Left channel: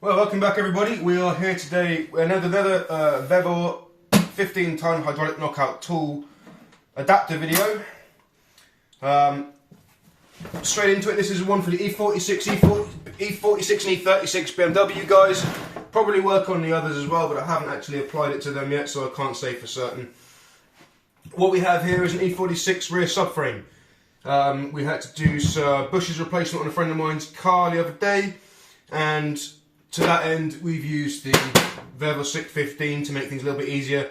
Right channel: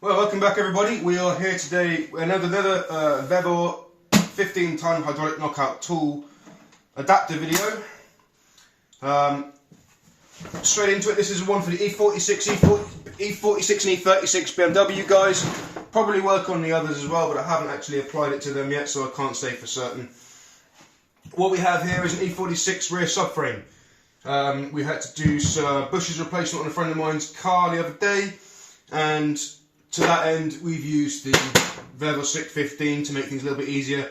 Well, welcome back everybody. We are here today with another Vevor 15-ton hydraulic knockout tool adapter video. Straight into it. This is one for the E46, E46 and E36 BMW guys. Probably work on the others as well, but I haven't actually applied it to them yet, so I can't say for certain. What we have here is an E46 rear subframe. We had to do some bushes replacement on a friend of mine's car the other day, and to that end we've used the Vevor SYK15 to make things a little bit easier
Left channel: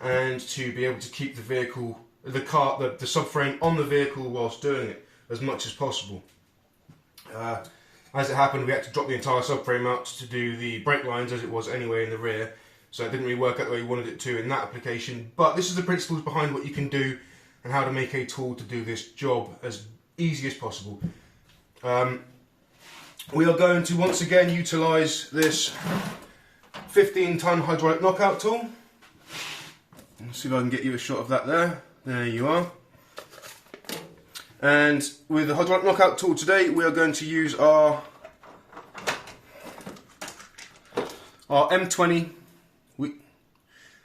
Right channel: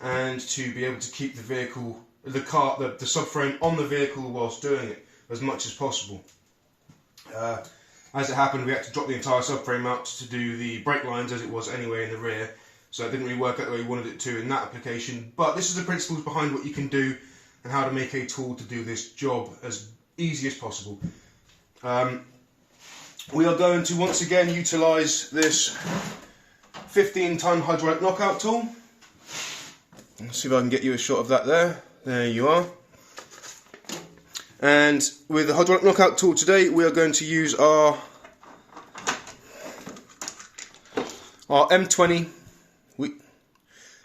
and to be able to keep the vehicle, the subframe on the vehicle whilst doing it as much as possible. As it happened, we had to drop the entire subframe out to do the brake lines as it was anyway in the rear, so it didn't really work out the way we wanted it to in that application. But this is the principles behind what you can do and how to make a tool to do this job as easy as possible. We are going to once again utilise this 15-ton hydraulic knockout tool. Let's see if I can get you a shot of that there. There you are. And with the hydraulic knockout tool today, we are going to use our M20 by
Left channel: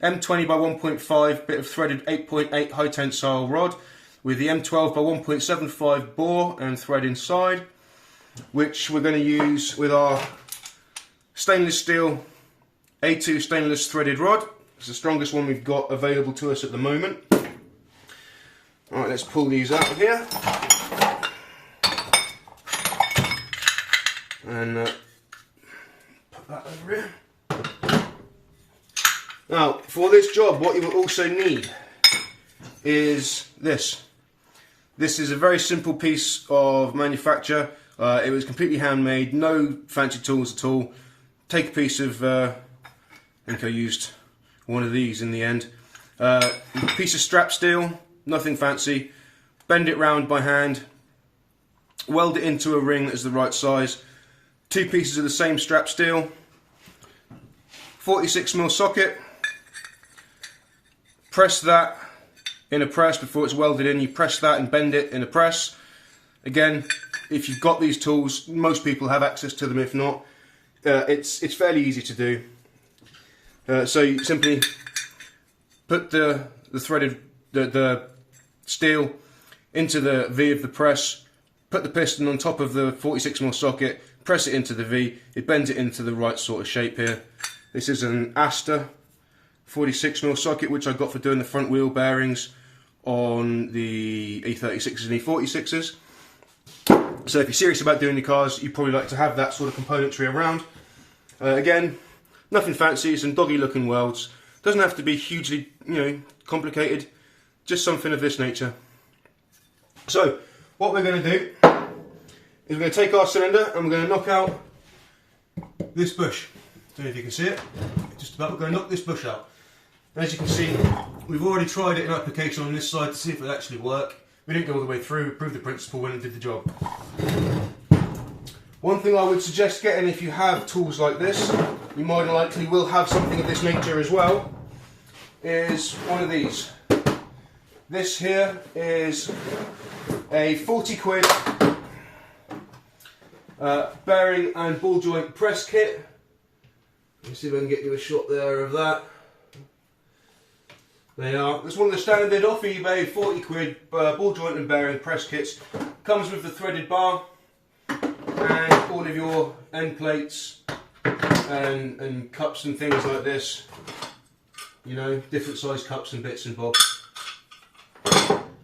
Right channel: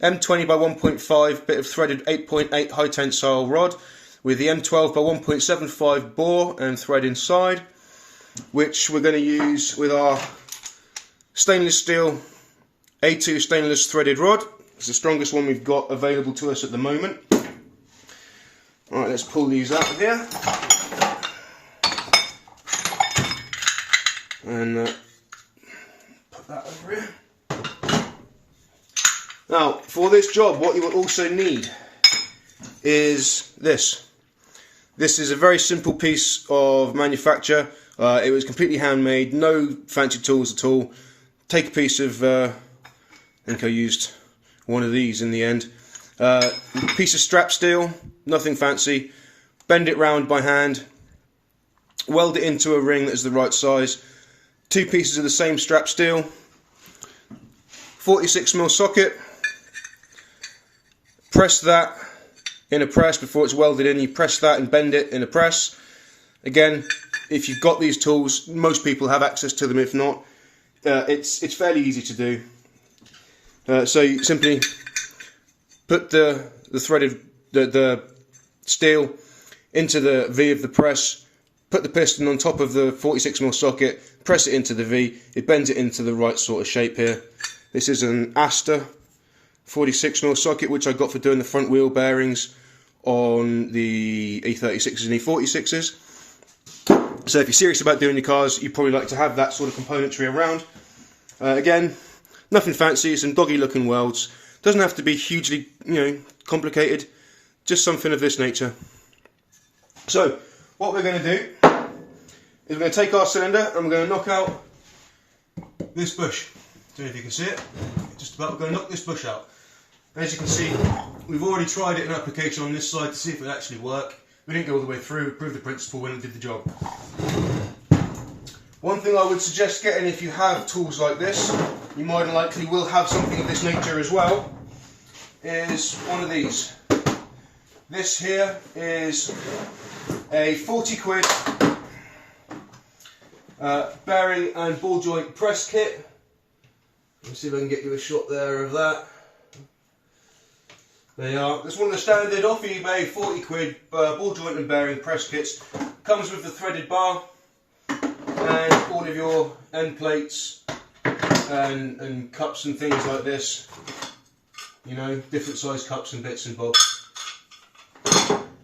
1.5 bit of threaded 8.8 high tensile rod with the M12 by 1.75 bore and thread inside, which we're going to use with our stainless steel A2 stainless threaded rod. It's the strongest one we've got available to us at the moment. Alright, let's pull these out of here and put that over here. Now, for this job, what you will also need is this. This is a very simple piece of manufacture. It was completely handmade, no fancy tools at all. Take a piece of, I think I used one of these in the end. Piece of strap steel, nothing fancy. Bend it round by hand. Weld it into a ring that is the right size. 2 pieces of the same strap steel. 46mm socket. Press that in a press before it's welded in. You press that and bend it in a press. Again, if you've got these tools, most people have access to them. If not, it's fairly easy to do. So you simply put the threaded the steel into the V of the press, put the piston on top of the 46mm socket, press it into the V. It bends it into the right sort of shape here. This is an Aster 46mm socket, which I got for doing the front wheel bearings on the E36s and E46s. So if you're serious about doing your cars, you probably like to have that sort of componentry around. Again, nothing fancy, some doggy looking welds. Doesn't have to be hugely, complicated, just something of this nature. So what we're going to do is we're going to take our cylinder and we're going to knock out this bush. I don't know if you can see it, just about. We're going to knock this bush out. As you can see, we've already tried it in application on this side to see if it would actually work. We didn't go all the way through, we proved the principle when it did the job. One thing I would suggest getting, if you have tools like this, you more than likely will have something of this nature as well, is one of these. This here is a 40 quid bearing and ball joint press kit. Let's see if I can get you a shot there of that. They are. It's one of the standard off eBay 40 quid ball joint and bearing press kits. Comes with the threaded bar and all of your end plates and cups and things like this. Different size cups and bits and bobs.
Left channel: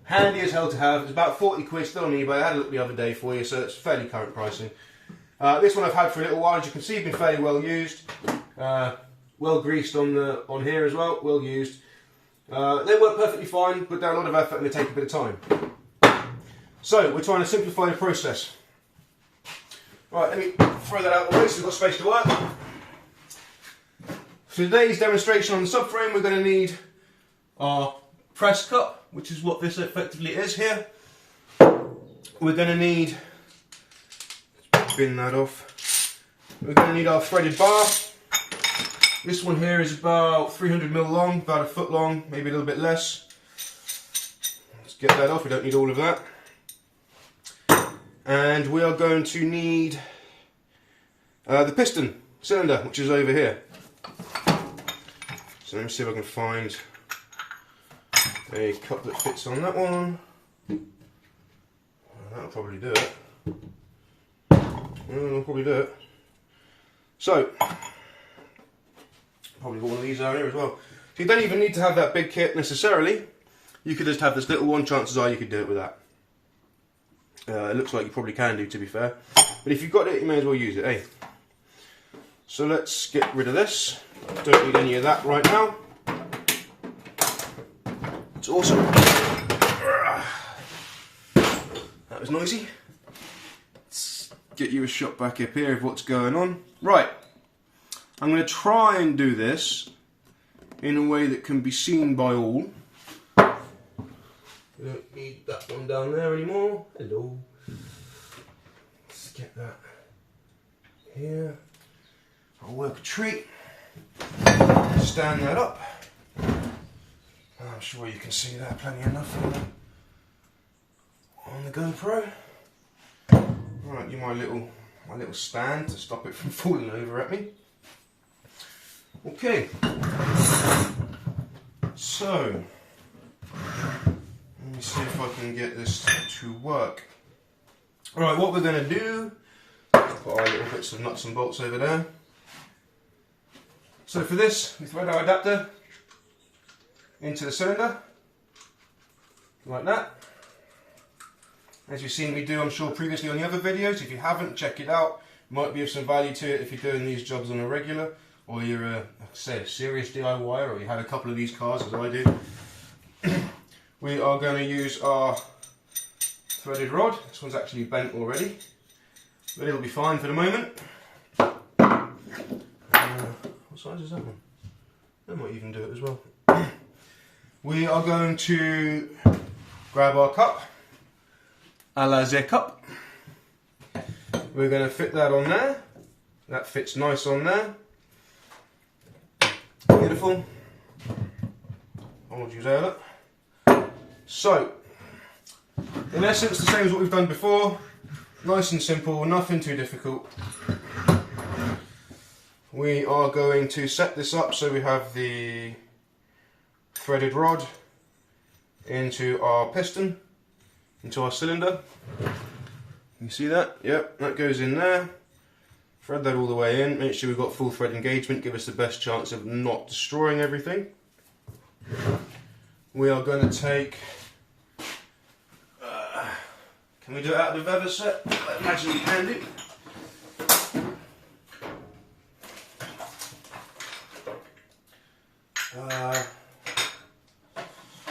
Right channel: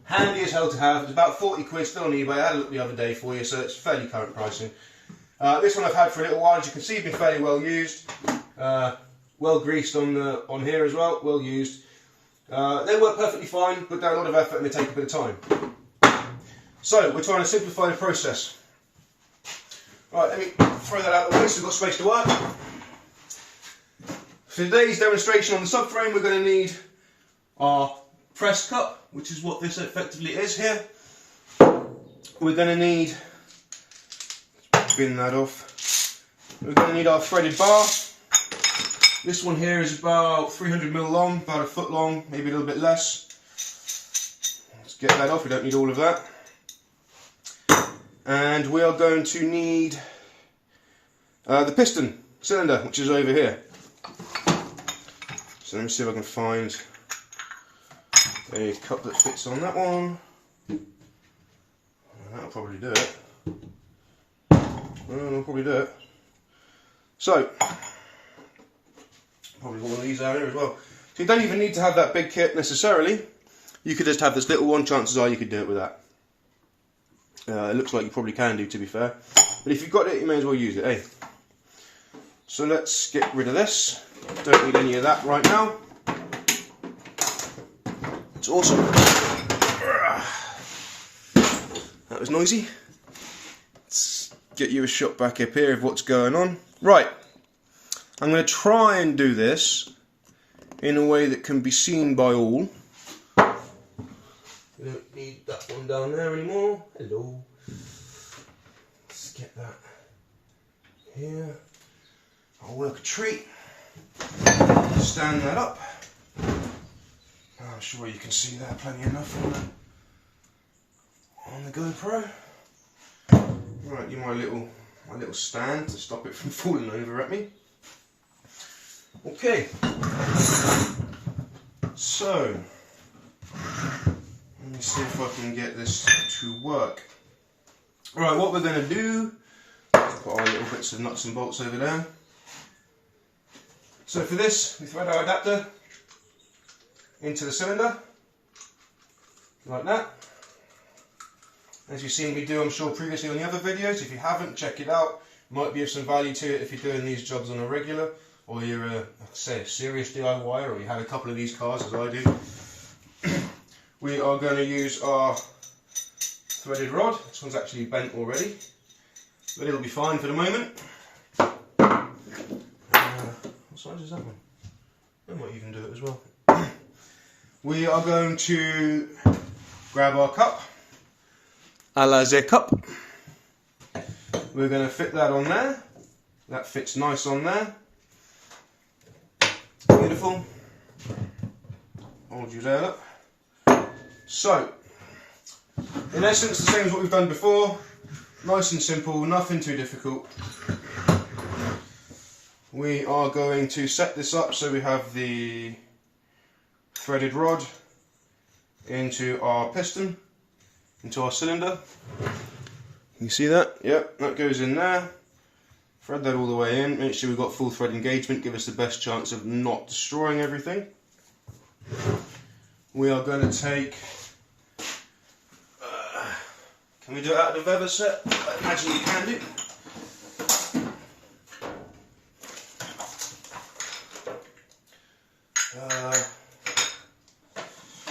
Handy as hell to have. It's about 40 quid still on eBay. I had a look the other day for you, so it's fairly current pricing. This one I've had for a little while. As you can see, been fairly well used. Well greased on here as well. Well used. They work perfectly fine, put down a lot of effort and they take a bit of time. So we're trying to simplify the process. Right, let me throw that out of the way so we've got space to work. For today's demonstration on the subframe, we're going to need our press cup, which is what this effectively is here. We're going to need, let's bin that off. We're going to need our threaded bar. This one here is about 300mm long, about a foot long, maybe a little bit less. Let's get that off, we don't need all of that. And we are going to need the piston. cylinder, which is over here. So let me see if I can find a cup that fits on that one. That'll probably do it. That'll probably do it. So, probably got one of these out here as well. So you don't even need to have that big kit necessarily. You could just have this little one. Chances are you could do it with that. It looks like you probably can do, to be fair. But if you've got it, you may as well use it, eh? So let's get rid of this. Don't need any of that right now. It's awesome. That was noisy. Let's get you a shot back up here of what's going on. Right. I'm going to try and do this in a way that can be seen by all. We don't need that one down there anymore. Hello. Let's get that here. I'll work a treat. Stand that up. I'm sure you can see that plenty enough on the GoPro. Right, give my little stand to stop it from falling over at me. Okay. So let me see if I can get this to work. Alright, what we're going to do, put our little bits of nuts and bolts over there. So for this, we thread our adapter into the cylinder, like that. As you've seen me do, I'm sure, previously on the other videos. If you haven't, check it out. Might be of some value to it if you're doing these jobs on a regular, or you're a serious DIYer, or you had a couple of these cars as I do. We are going to use our threaded rod. This one's actually bent already, but it'll be fine for the moment. What size is that one? That might even do it as well. We are going to grab our cup, a la the cup. We're going to fit that on there. That fits nice on there. Beautiful. Hold you there, look. So, in essence, the same as what we've done before. Nice and simple, nothing too difficult. We are going to set this up so we have the threaded rod into our piston, into our cylinder. You see that? Yep, that goes in there. Thread that all the way in, make sure we've got full thread engagement, give us the best chance of not destroying everything. We are going to take, can we do it out of the Vevor set? I imagine we can do.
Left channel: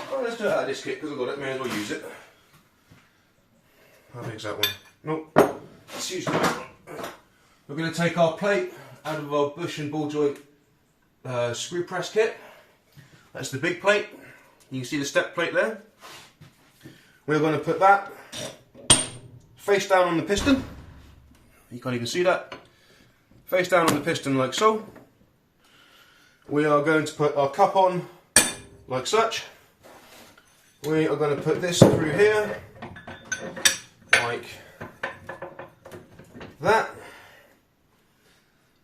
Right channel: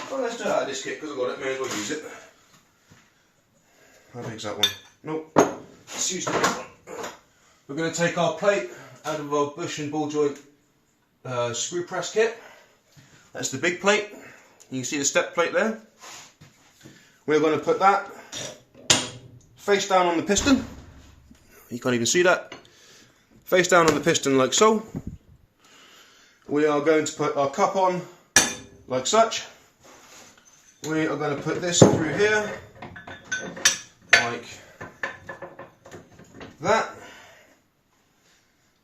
Well, let's do it out of this kit because I've got it, may as well use it. How big's that one? Nope. Let's use that one. We're going to take our plate out of our bush and ball joint screw press kit. That's the big plate. You can see the step plate there. We're going to put that face down on the piston. You can't even see that. Face down on the piston like so. We are going to put our cup on like such. We are going to put this through here like that.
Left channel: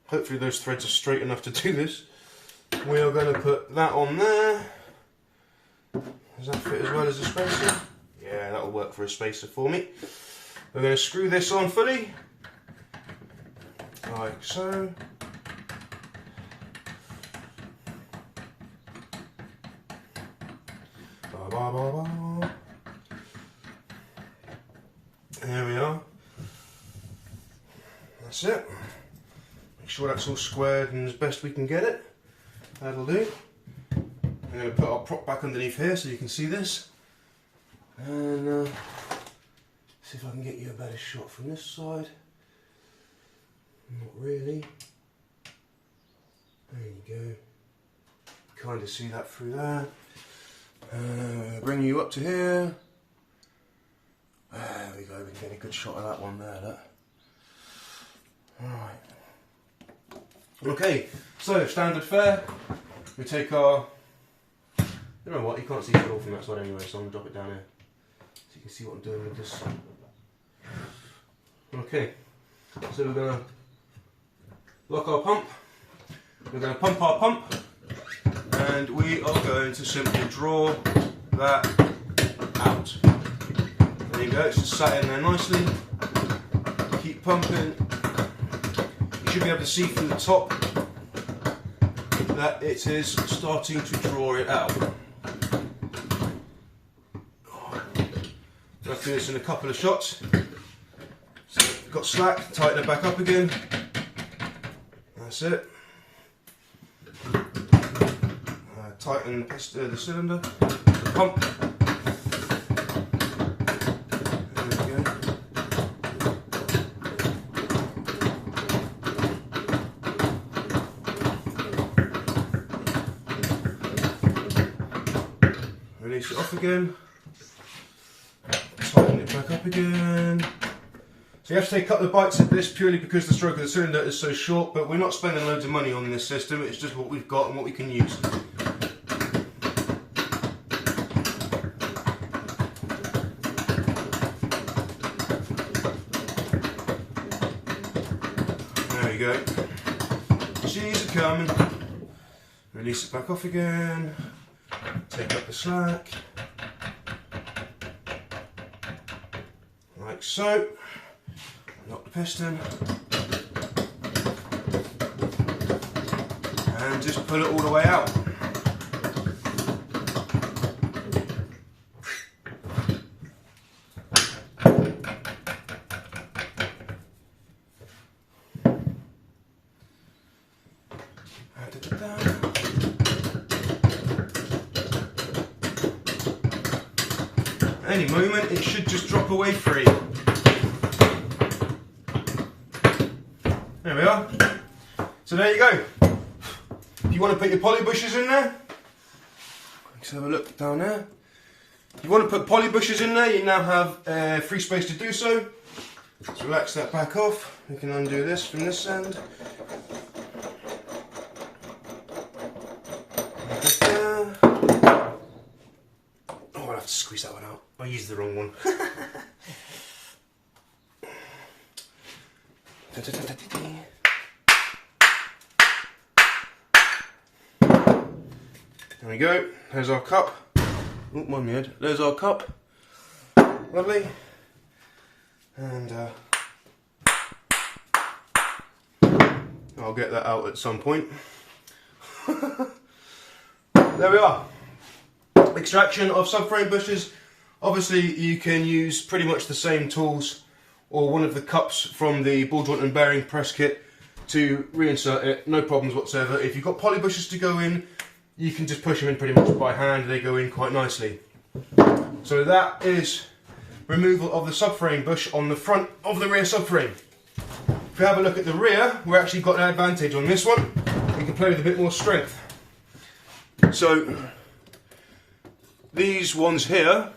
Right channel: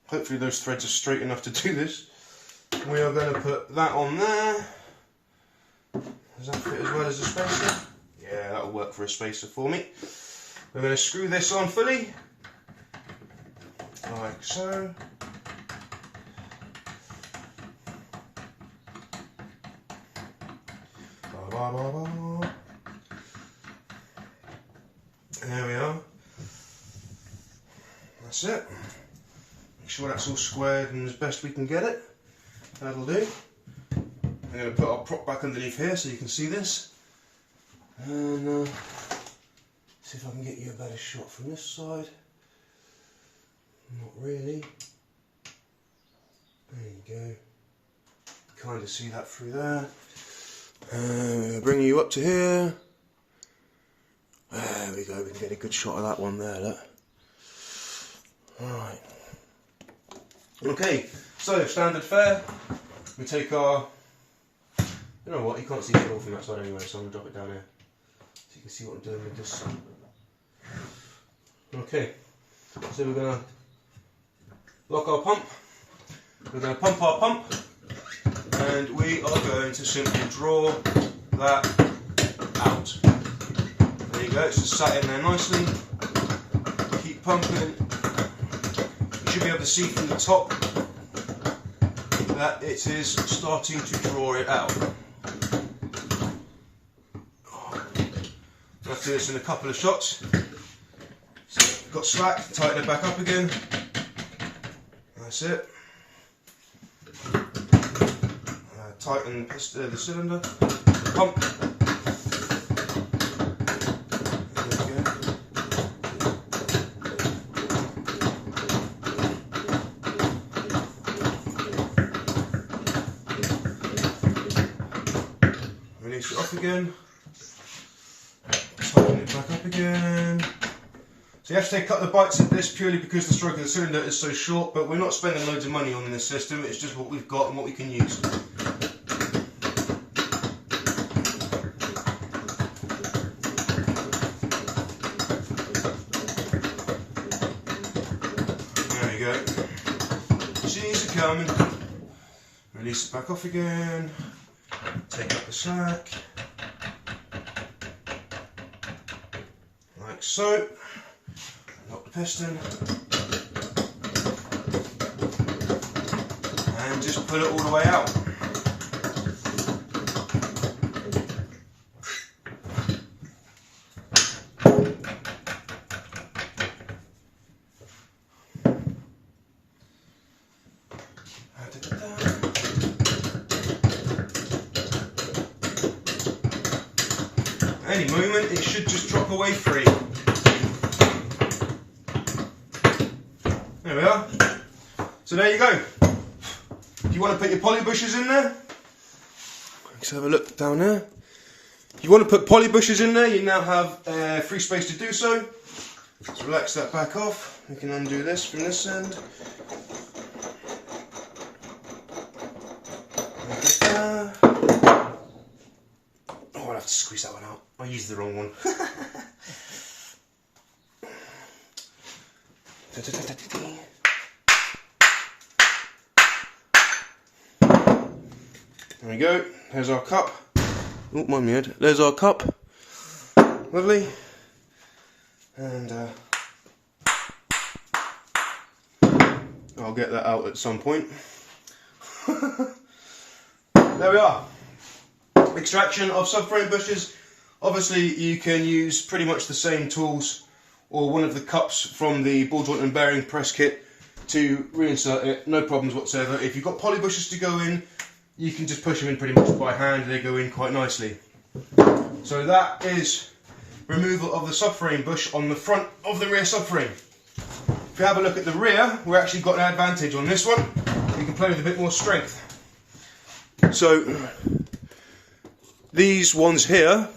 Hopefully those threads are straight enough to do this. We are going to put that on there. Does that fit as well as a spacer? Yeah, that'll work for a spacer for me. We're going to screw this on fully, like so. There we are. That's it. Make sure that's all squared and as best we can get it. That'll do. I'm going to put our prop back underneath here so you can see this. And see if I can get you a better shot from this side. Not really. There you go. Kind of see that through there. Bring you up to here. There we go, we can get a good shot of that one there, look. Alright. Okay, so standard fare. We take our, you know what, you can't see it all from that side anyway, so I'm going to drop it down here. So you can see what I'm doing with this. Okay, so we're going to lock our pump. We're going to pump our pump, and we are going to simply draw that out. There you go, it's just sat in there nicely. Keep pumping. You should be able to see from the top that it is starting to draw it out. We'll have to do this in a couple of shots. So got slack, tighten it back up again. That's it. Tighten the cylinder, the pump. There we go. Release it off again. Tighten it back up again. So you have to take a couple of bites at this purely because the stroke of the cylinder is so short, but we're not spending loads of money on this system, it's just what we've got and what we can use. There we go. She's coming. Release it back off again. Take up the slack. Like so. Lock the piston. And just pull it all the way out. Any moment it should just drop away free. There we are. So there you go. If you want to put your poly bushes in there, let's have a look down there. If you want to put poly bushes in there, you now have free space to do so. Let's relax that back off. We can undo this from this end. Oh, I'll have to squeeze that one out. I used the wrong one. There we go, there's our cup. Oh, mind my head. There's our cup. Lovely. And I'll get that out at some point. There we are. Extraction of subframe bushes. Obviously you can use pretty much the same tools or one of the cups from the ball joint and bearing press kit to reinsert it, no problems whatsoever. If you've got poly bushes to go in, you can just push them in pretty much by hand, they go in quite nicely. So that is removal of the subframe bush on the front of the rear subframe. If you have a look at the rear, we've actually got an advantage on this one. We can play with a bit more strength. So these ones here,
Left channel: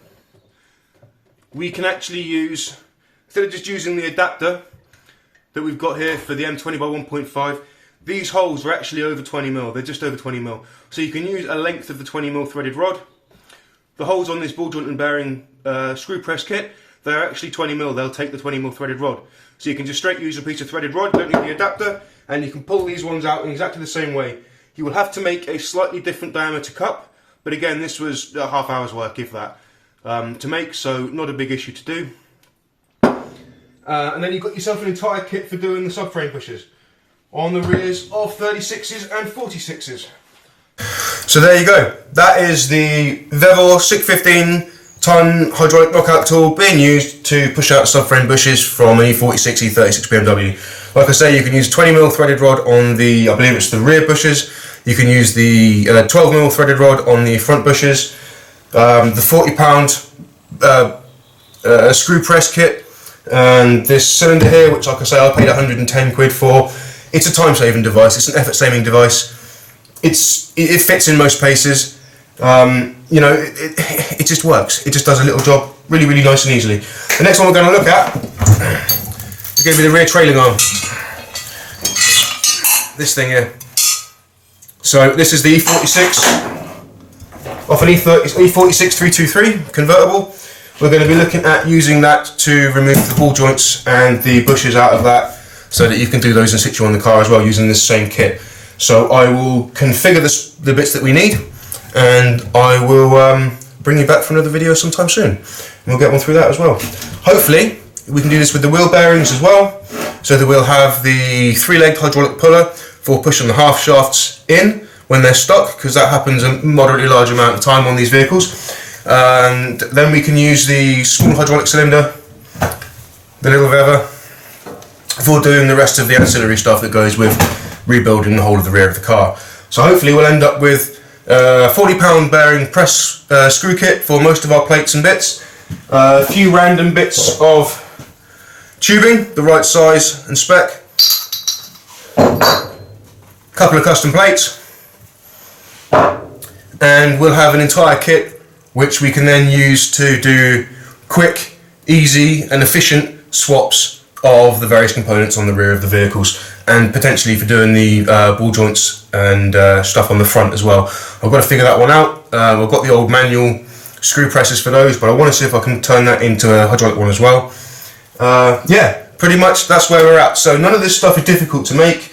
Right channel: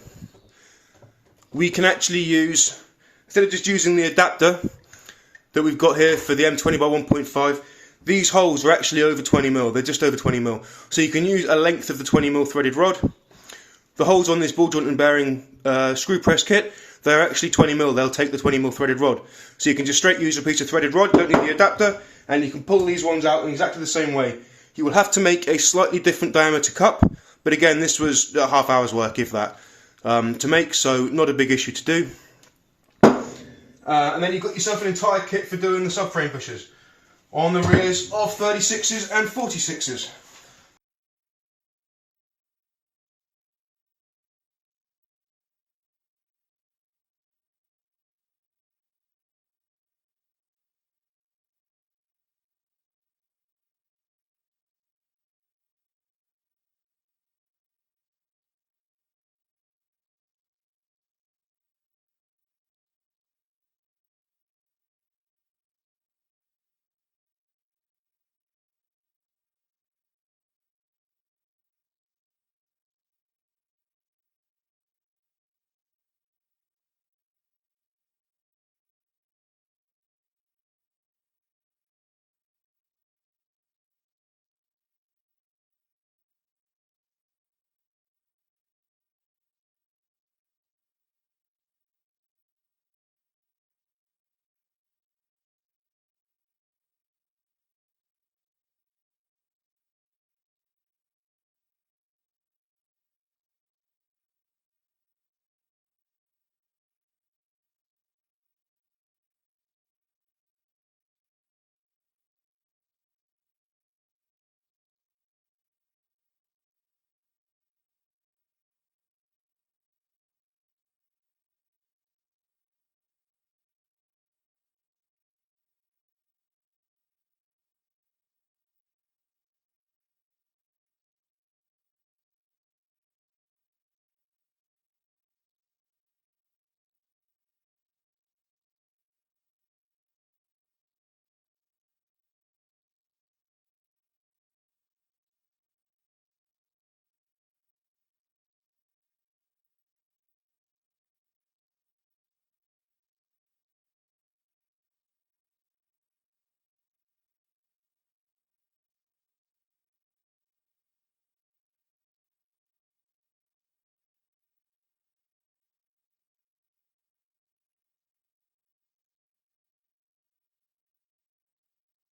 we can actually use, instead of just using the adapter that we've got here for the M20 by 1.5, these holes are actually over 20mm, they're just over 20mm. So you can use a length of the 20mm threaded rod. The holes on this ball joint and bearing screw press kit, they're actually 20mm, they'll take the 20mm threaded rod. So you can just straight use a piece of threaded rod, don't need the adapter, and you can pull these ones out in exactly the same way. You will have to make a slightly different diameter cup, but again this was a half hour's work, if that, to make, so not a big issue to do. And then you've got yourself an entire kit for doing the subframe bushes on the rears of 36s and 46s. So there you go, that is the Vevor SYK15 ton hydraulic knockout tool being used to push out subframe bushes from an E46, E36 BMW. Like I say, you can use 20mm threaded rod on the, I believe it's the rear bushes. You can use the 12mm threaded rod on the front bushes. The 40-pound screw press kit, and this cylinder here, which like I say I paid 110 quid for. It's a time-saving device, it's an effort-saving device. It fits in most places. You know, it just works. It just does a little job really, really nice and easily. The next one we're going to look at is going to be the rear trailing arm. This thing here. So this is the E46 off an E46 323 convertible. We're going to be looking at using that to remove the ball joints and the bushes out of that so that you can do those in situ on the car as well using this same kit. So I will configure the bits that we need, and I will bring you back for another video sometime soon. And we'll get one through that as well. Hopefully we can do this with the wheel bearings as well, so that we'll have the 3-legged hydraulic puller for pushing the half shafts in when they're stuck, because that happens a moderately large amount of time on these vehicles. And then we can use the small hydraulic cylinder, the little Vevor, for doing the rest of the ancillary stuff that goes with rebuilding the whole of the rear of the car. So hopefully we'll end up with a 40-pound bearing press screw kit for most of our plates and bits, a few random bits of tubing, the right size and spec, a couple of custom plates, and we'll have an entire kit which we can then use to do quick, easy and efficient swaps of the various components on the rear of the vehicles, and potentially for doing the ball joints and stuff on the front as well. I've got to figure that one out. I've got the old manual screw presses for those, but I want to see if I can turn that into a hydraulic one as well. Yeah, pretty much that's where we're at. So none of this stuff is difficult to make.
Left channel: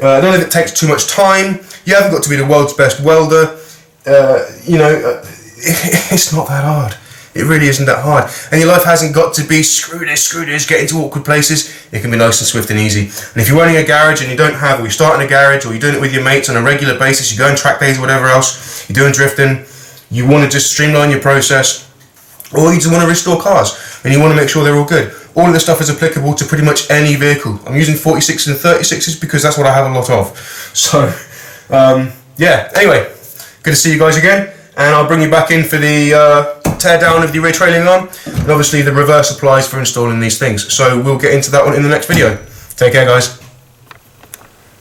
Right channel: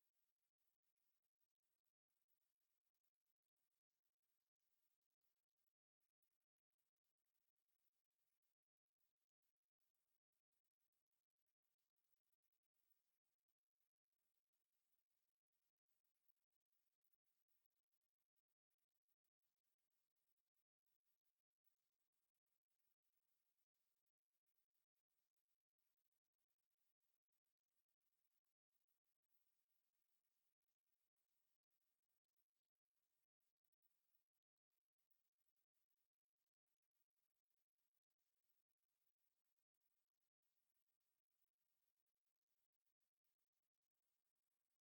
None of it takes too much time. You haven't got to be the world's best welder. You know, it's not that hard. It really isn't that hard. And your life hasn't got to be screw this, get into awkward places. It can be nice and swift and easy. And if you're running a garage and you don't have, or you're starting a garage, or you're doing it with your mates on a regular basis, you go on track days or whatever else, you're doing drifting, you want to just streamline your process, or you just want to restore cars and you want to make sure they're all good. All of this stuff is applicable to pretty much any vehicle. I'm using 46s and 36s because that's what I have a lot of. So, yeah, anyway, good to see you guys again. And I'll bring you back in for the tear down of the rear trailing arm, and obviously the reverse applies for installing these things. So we'll get into that one in the next video. Take care, guys.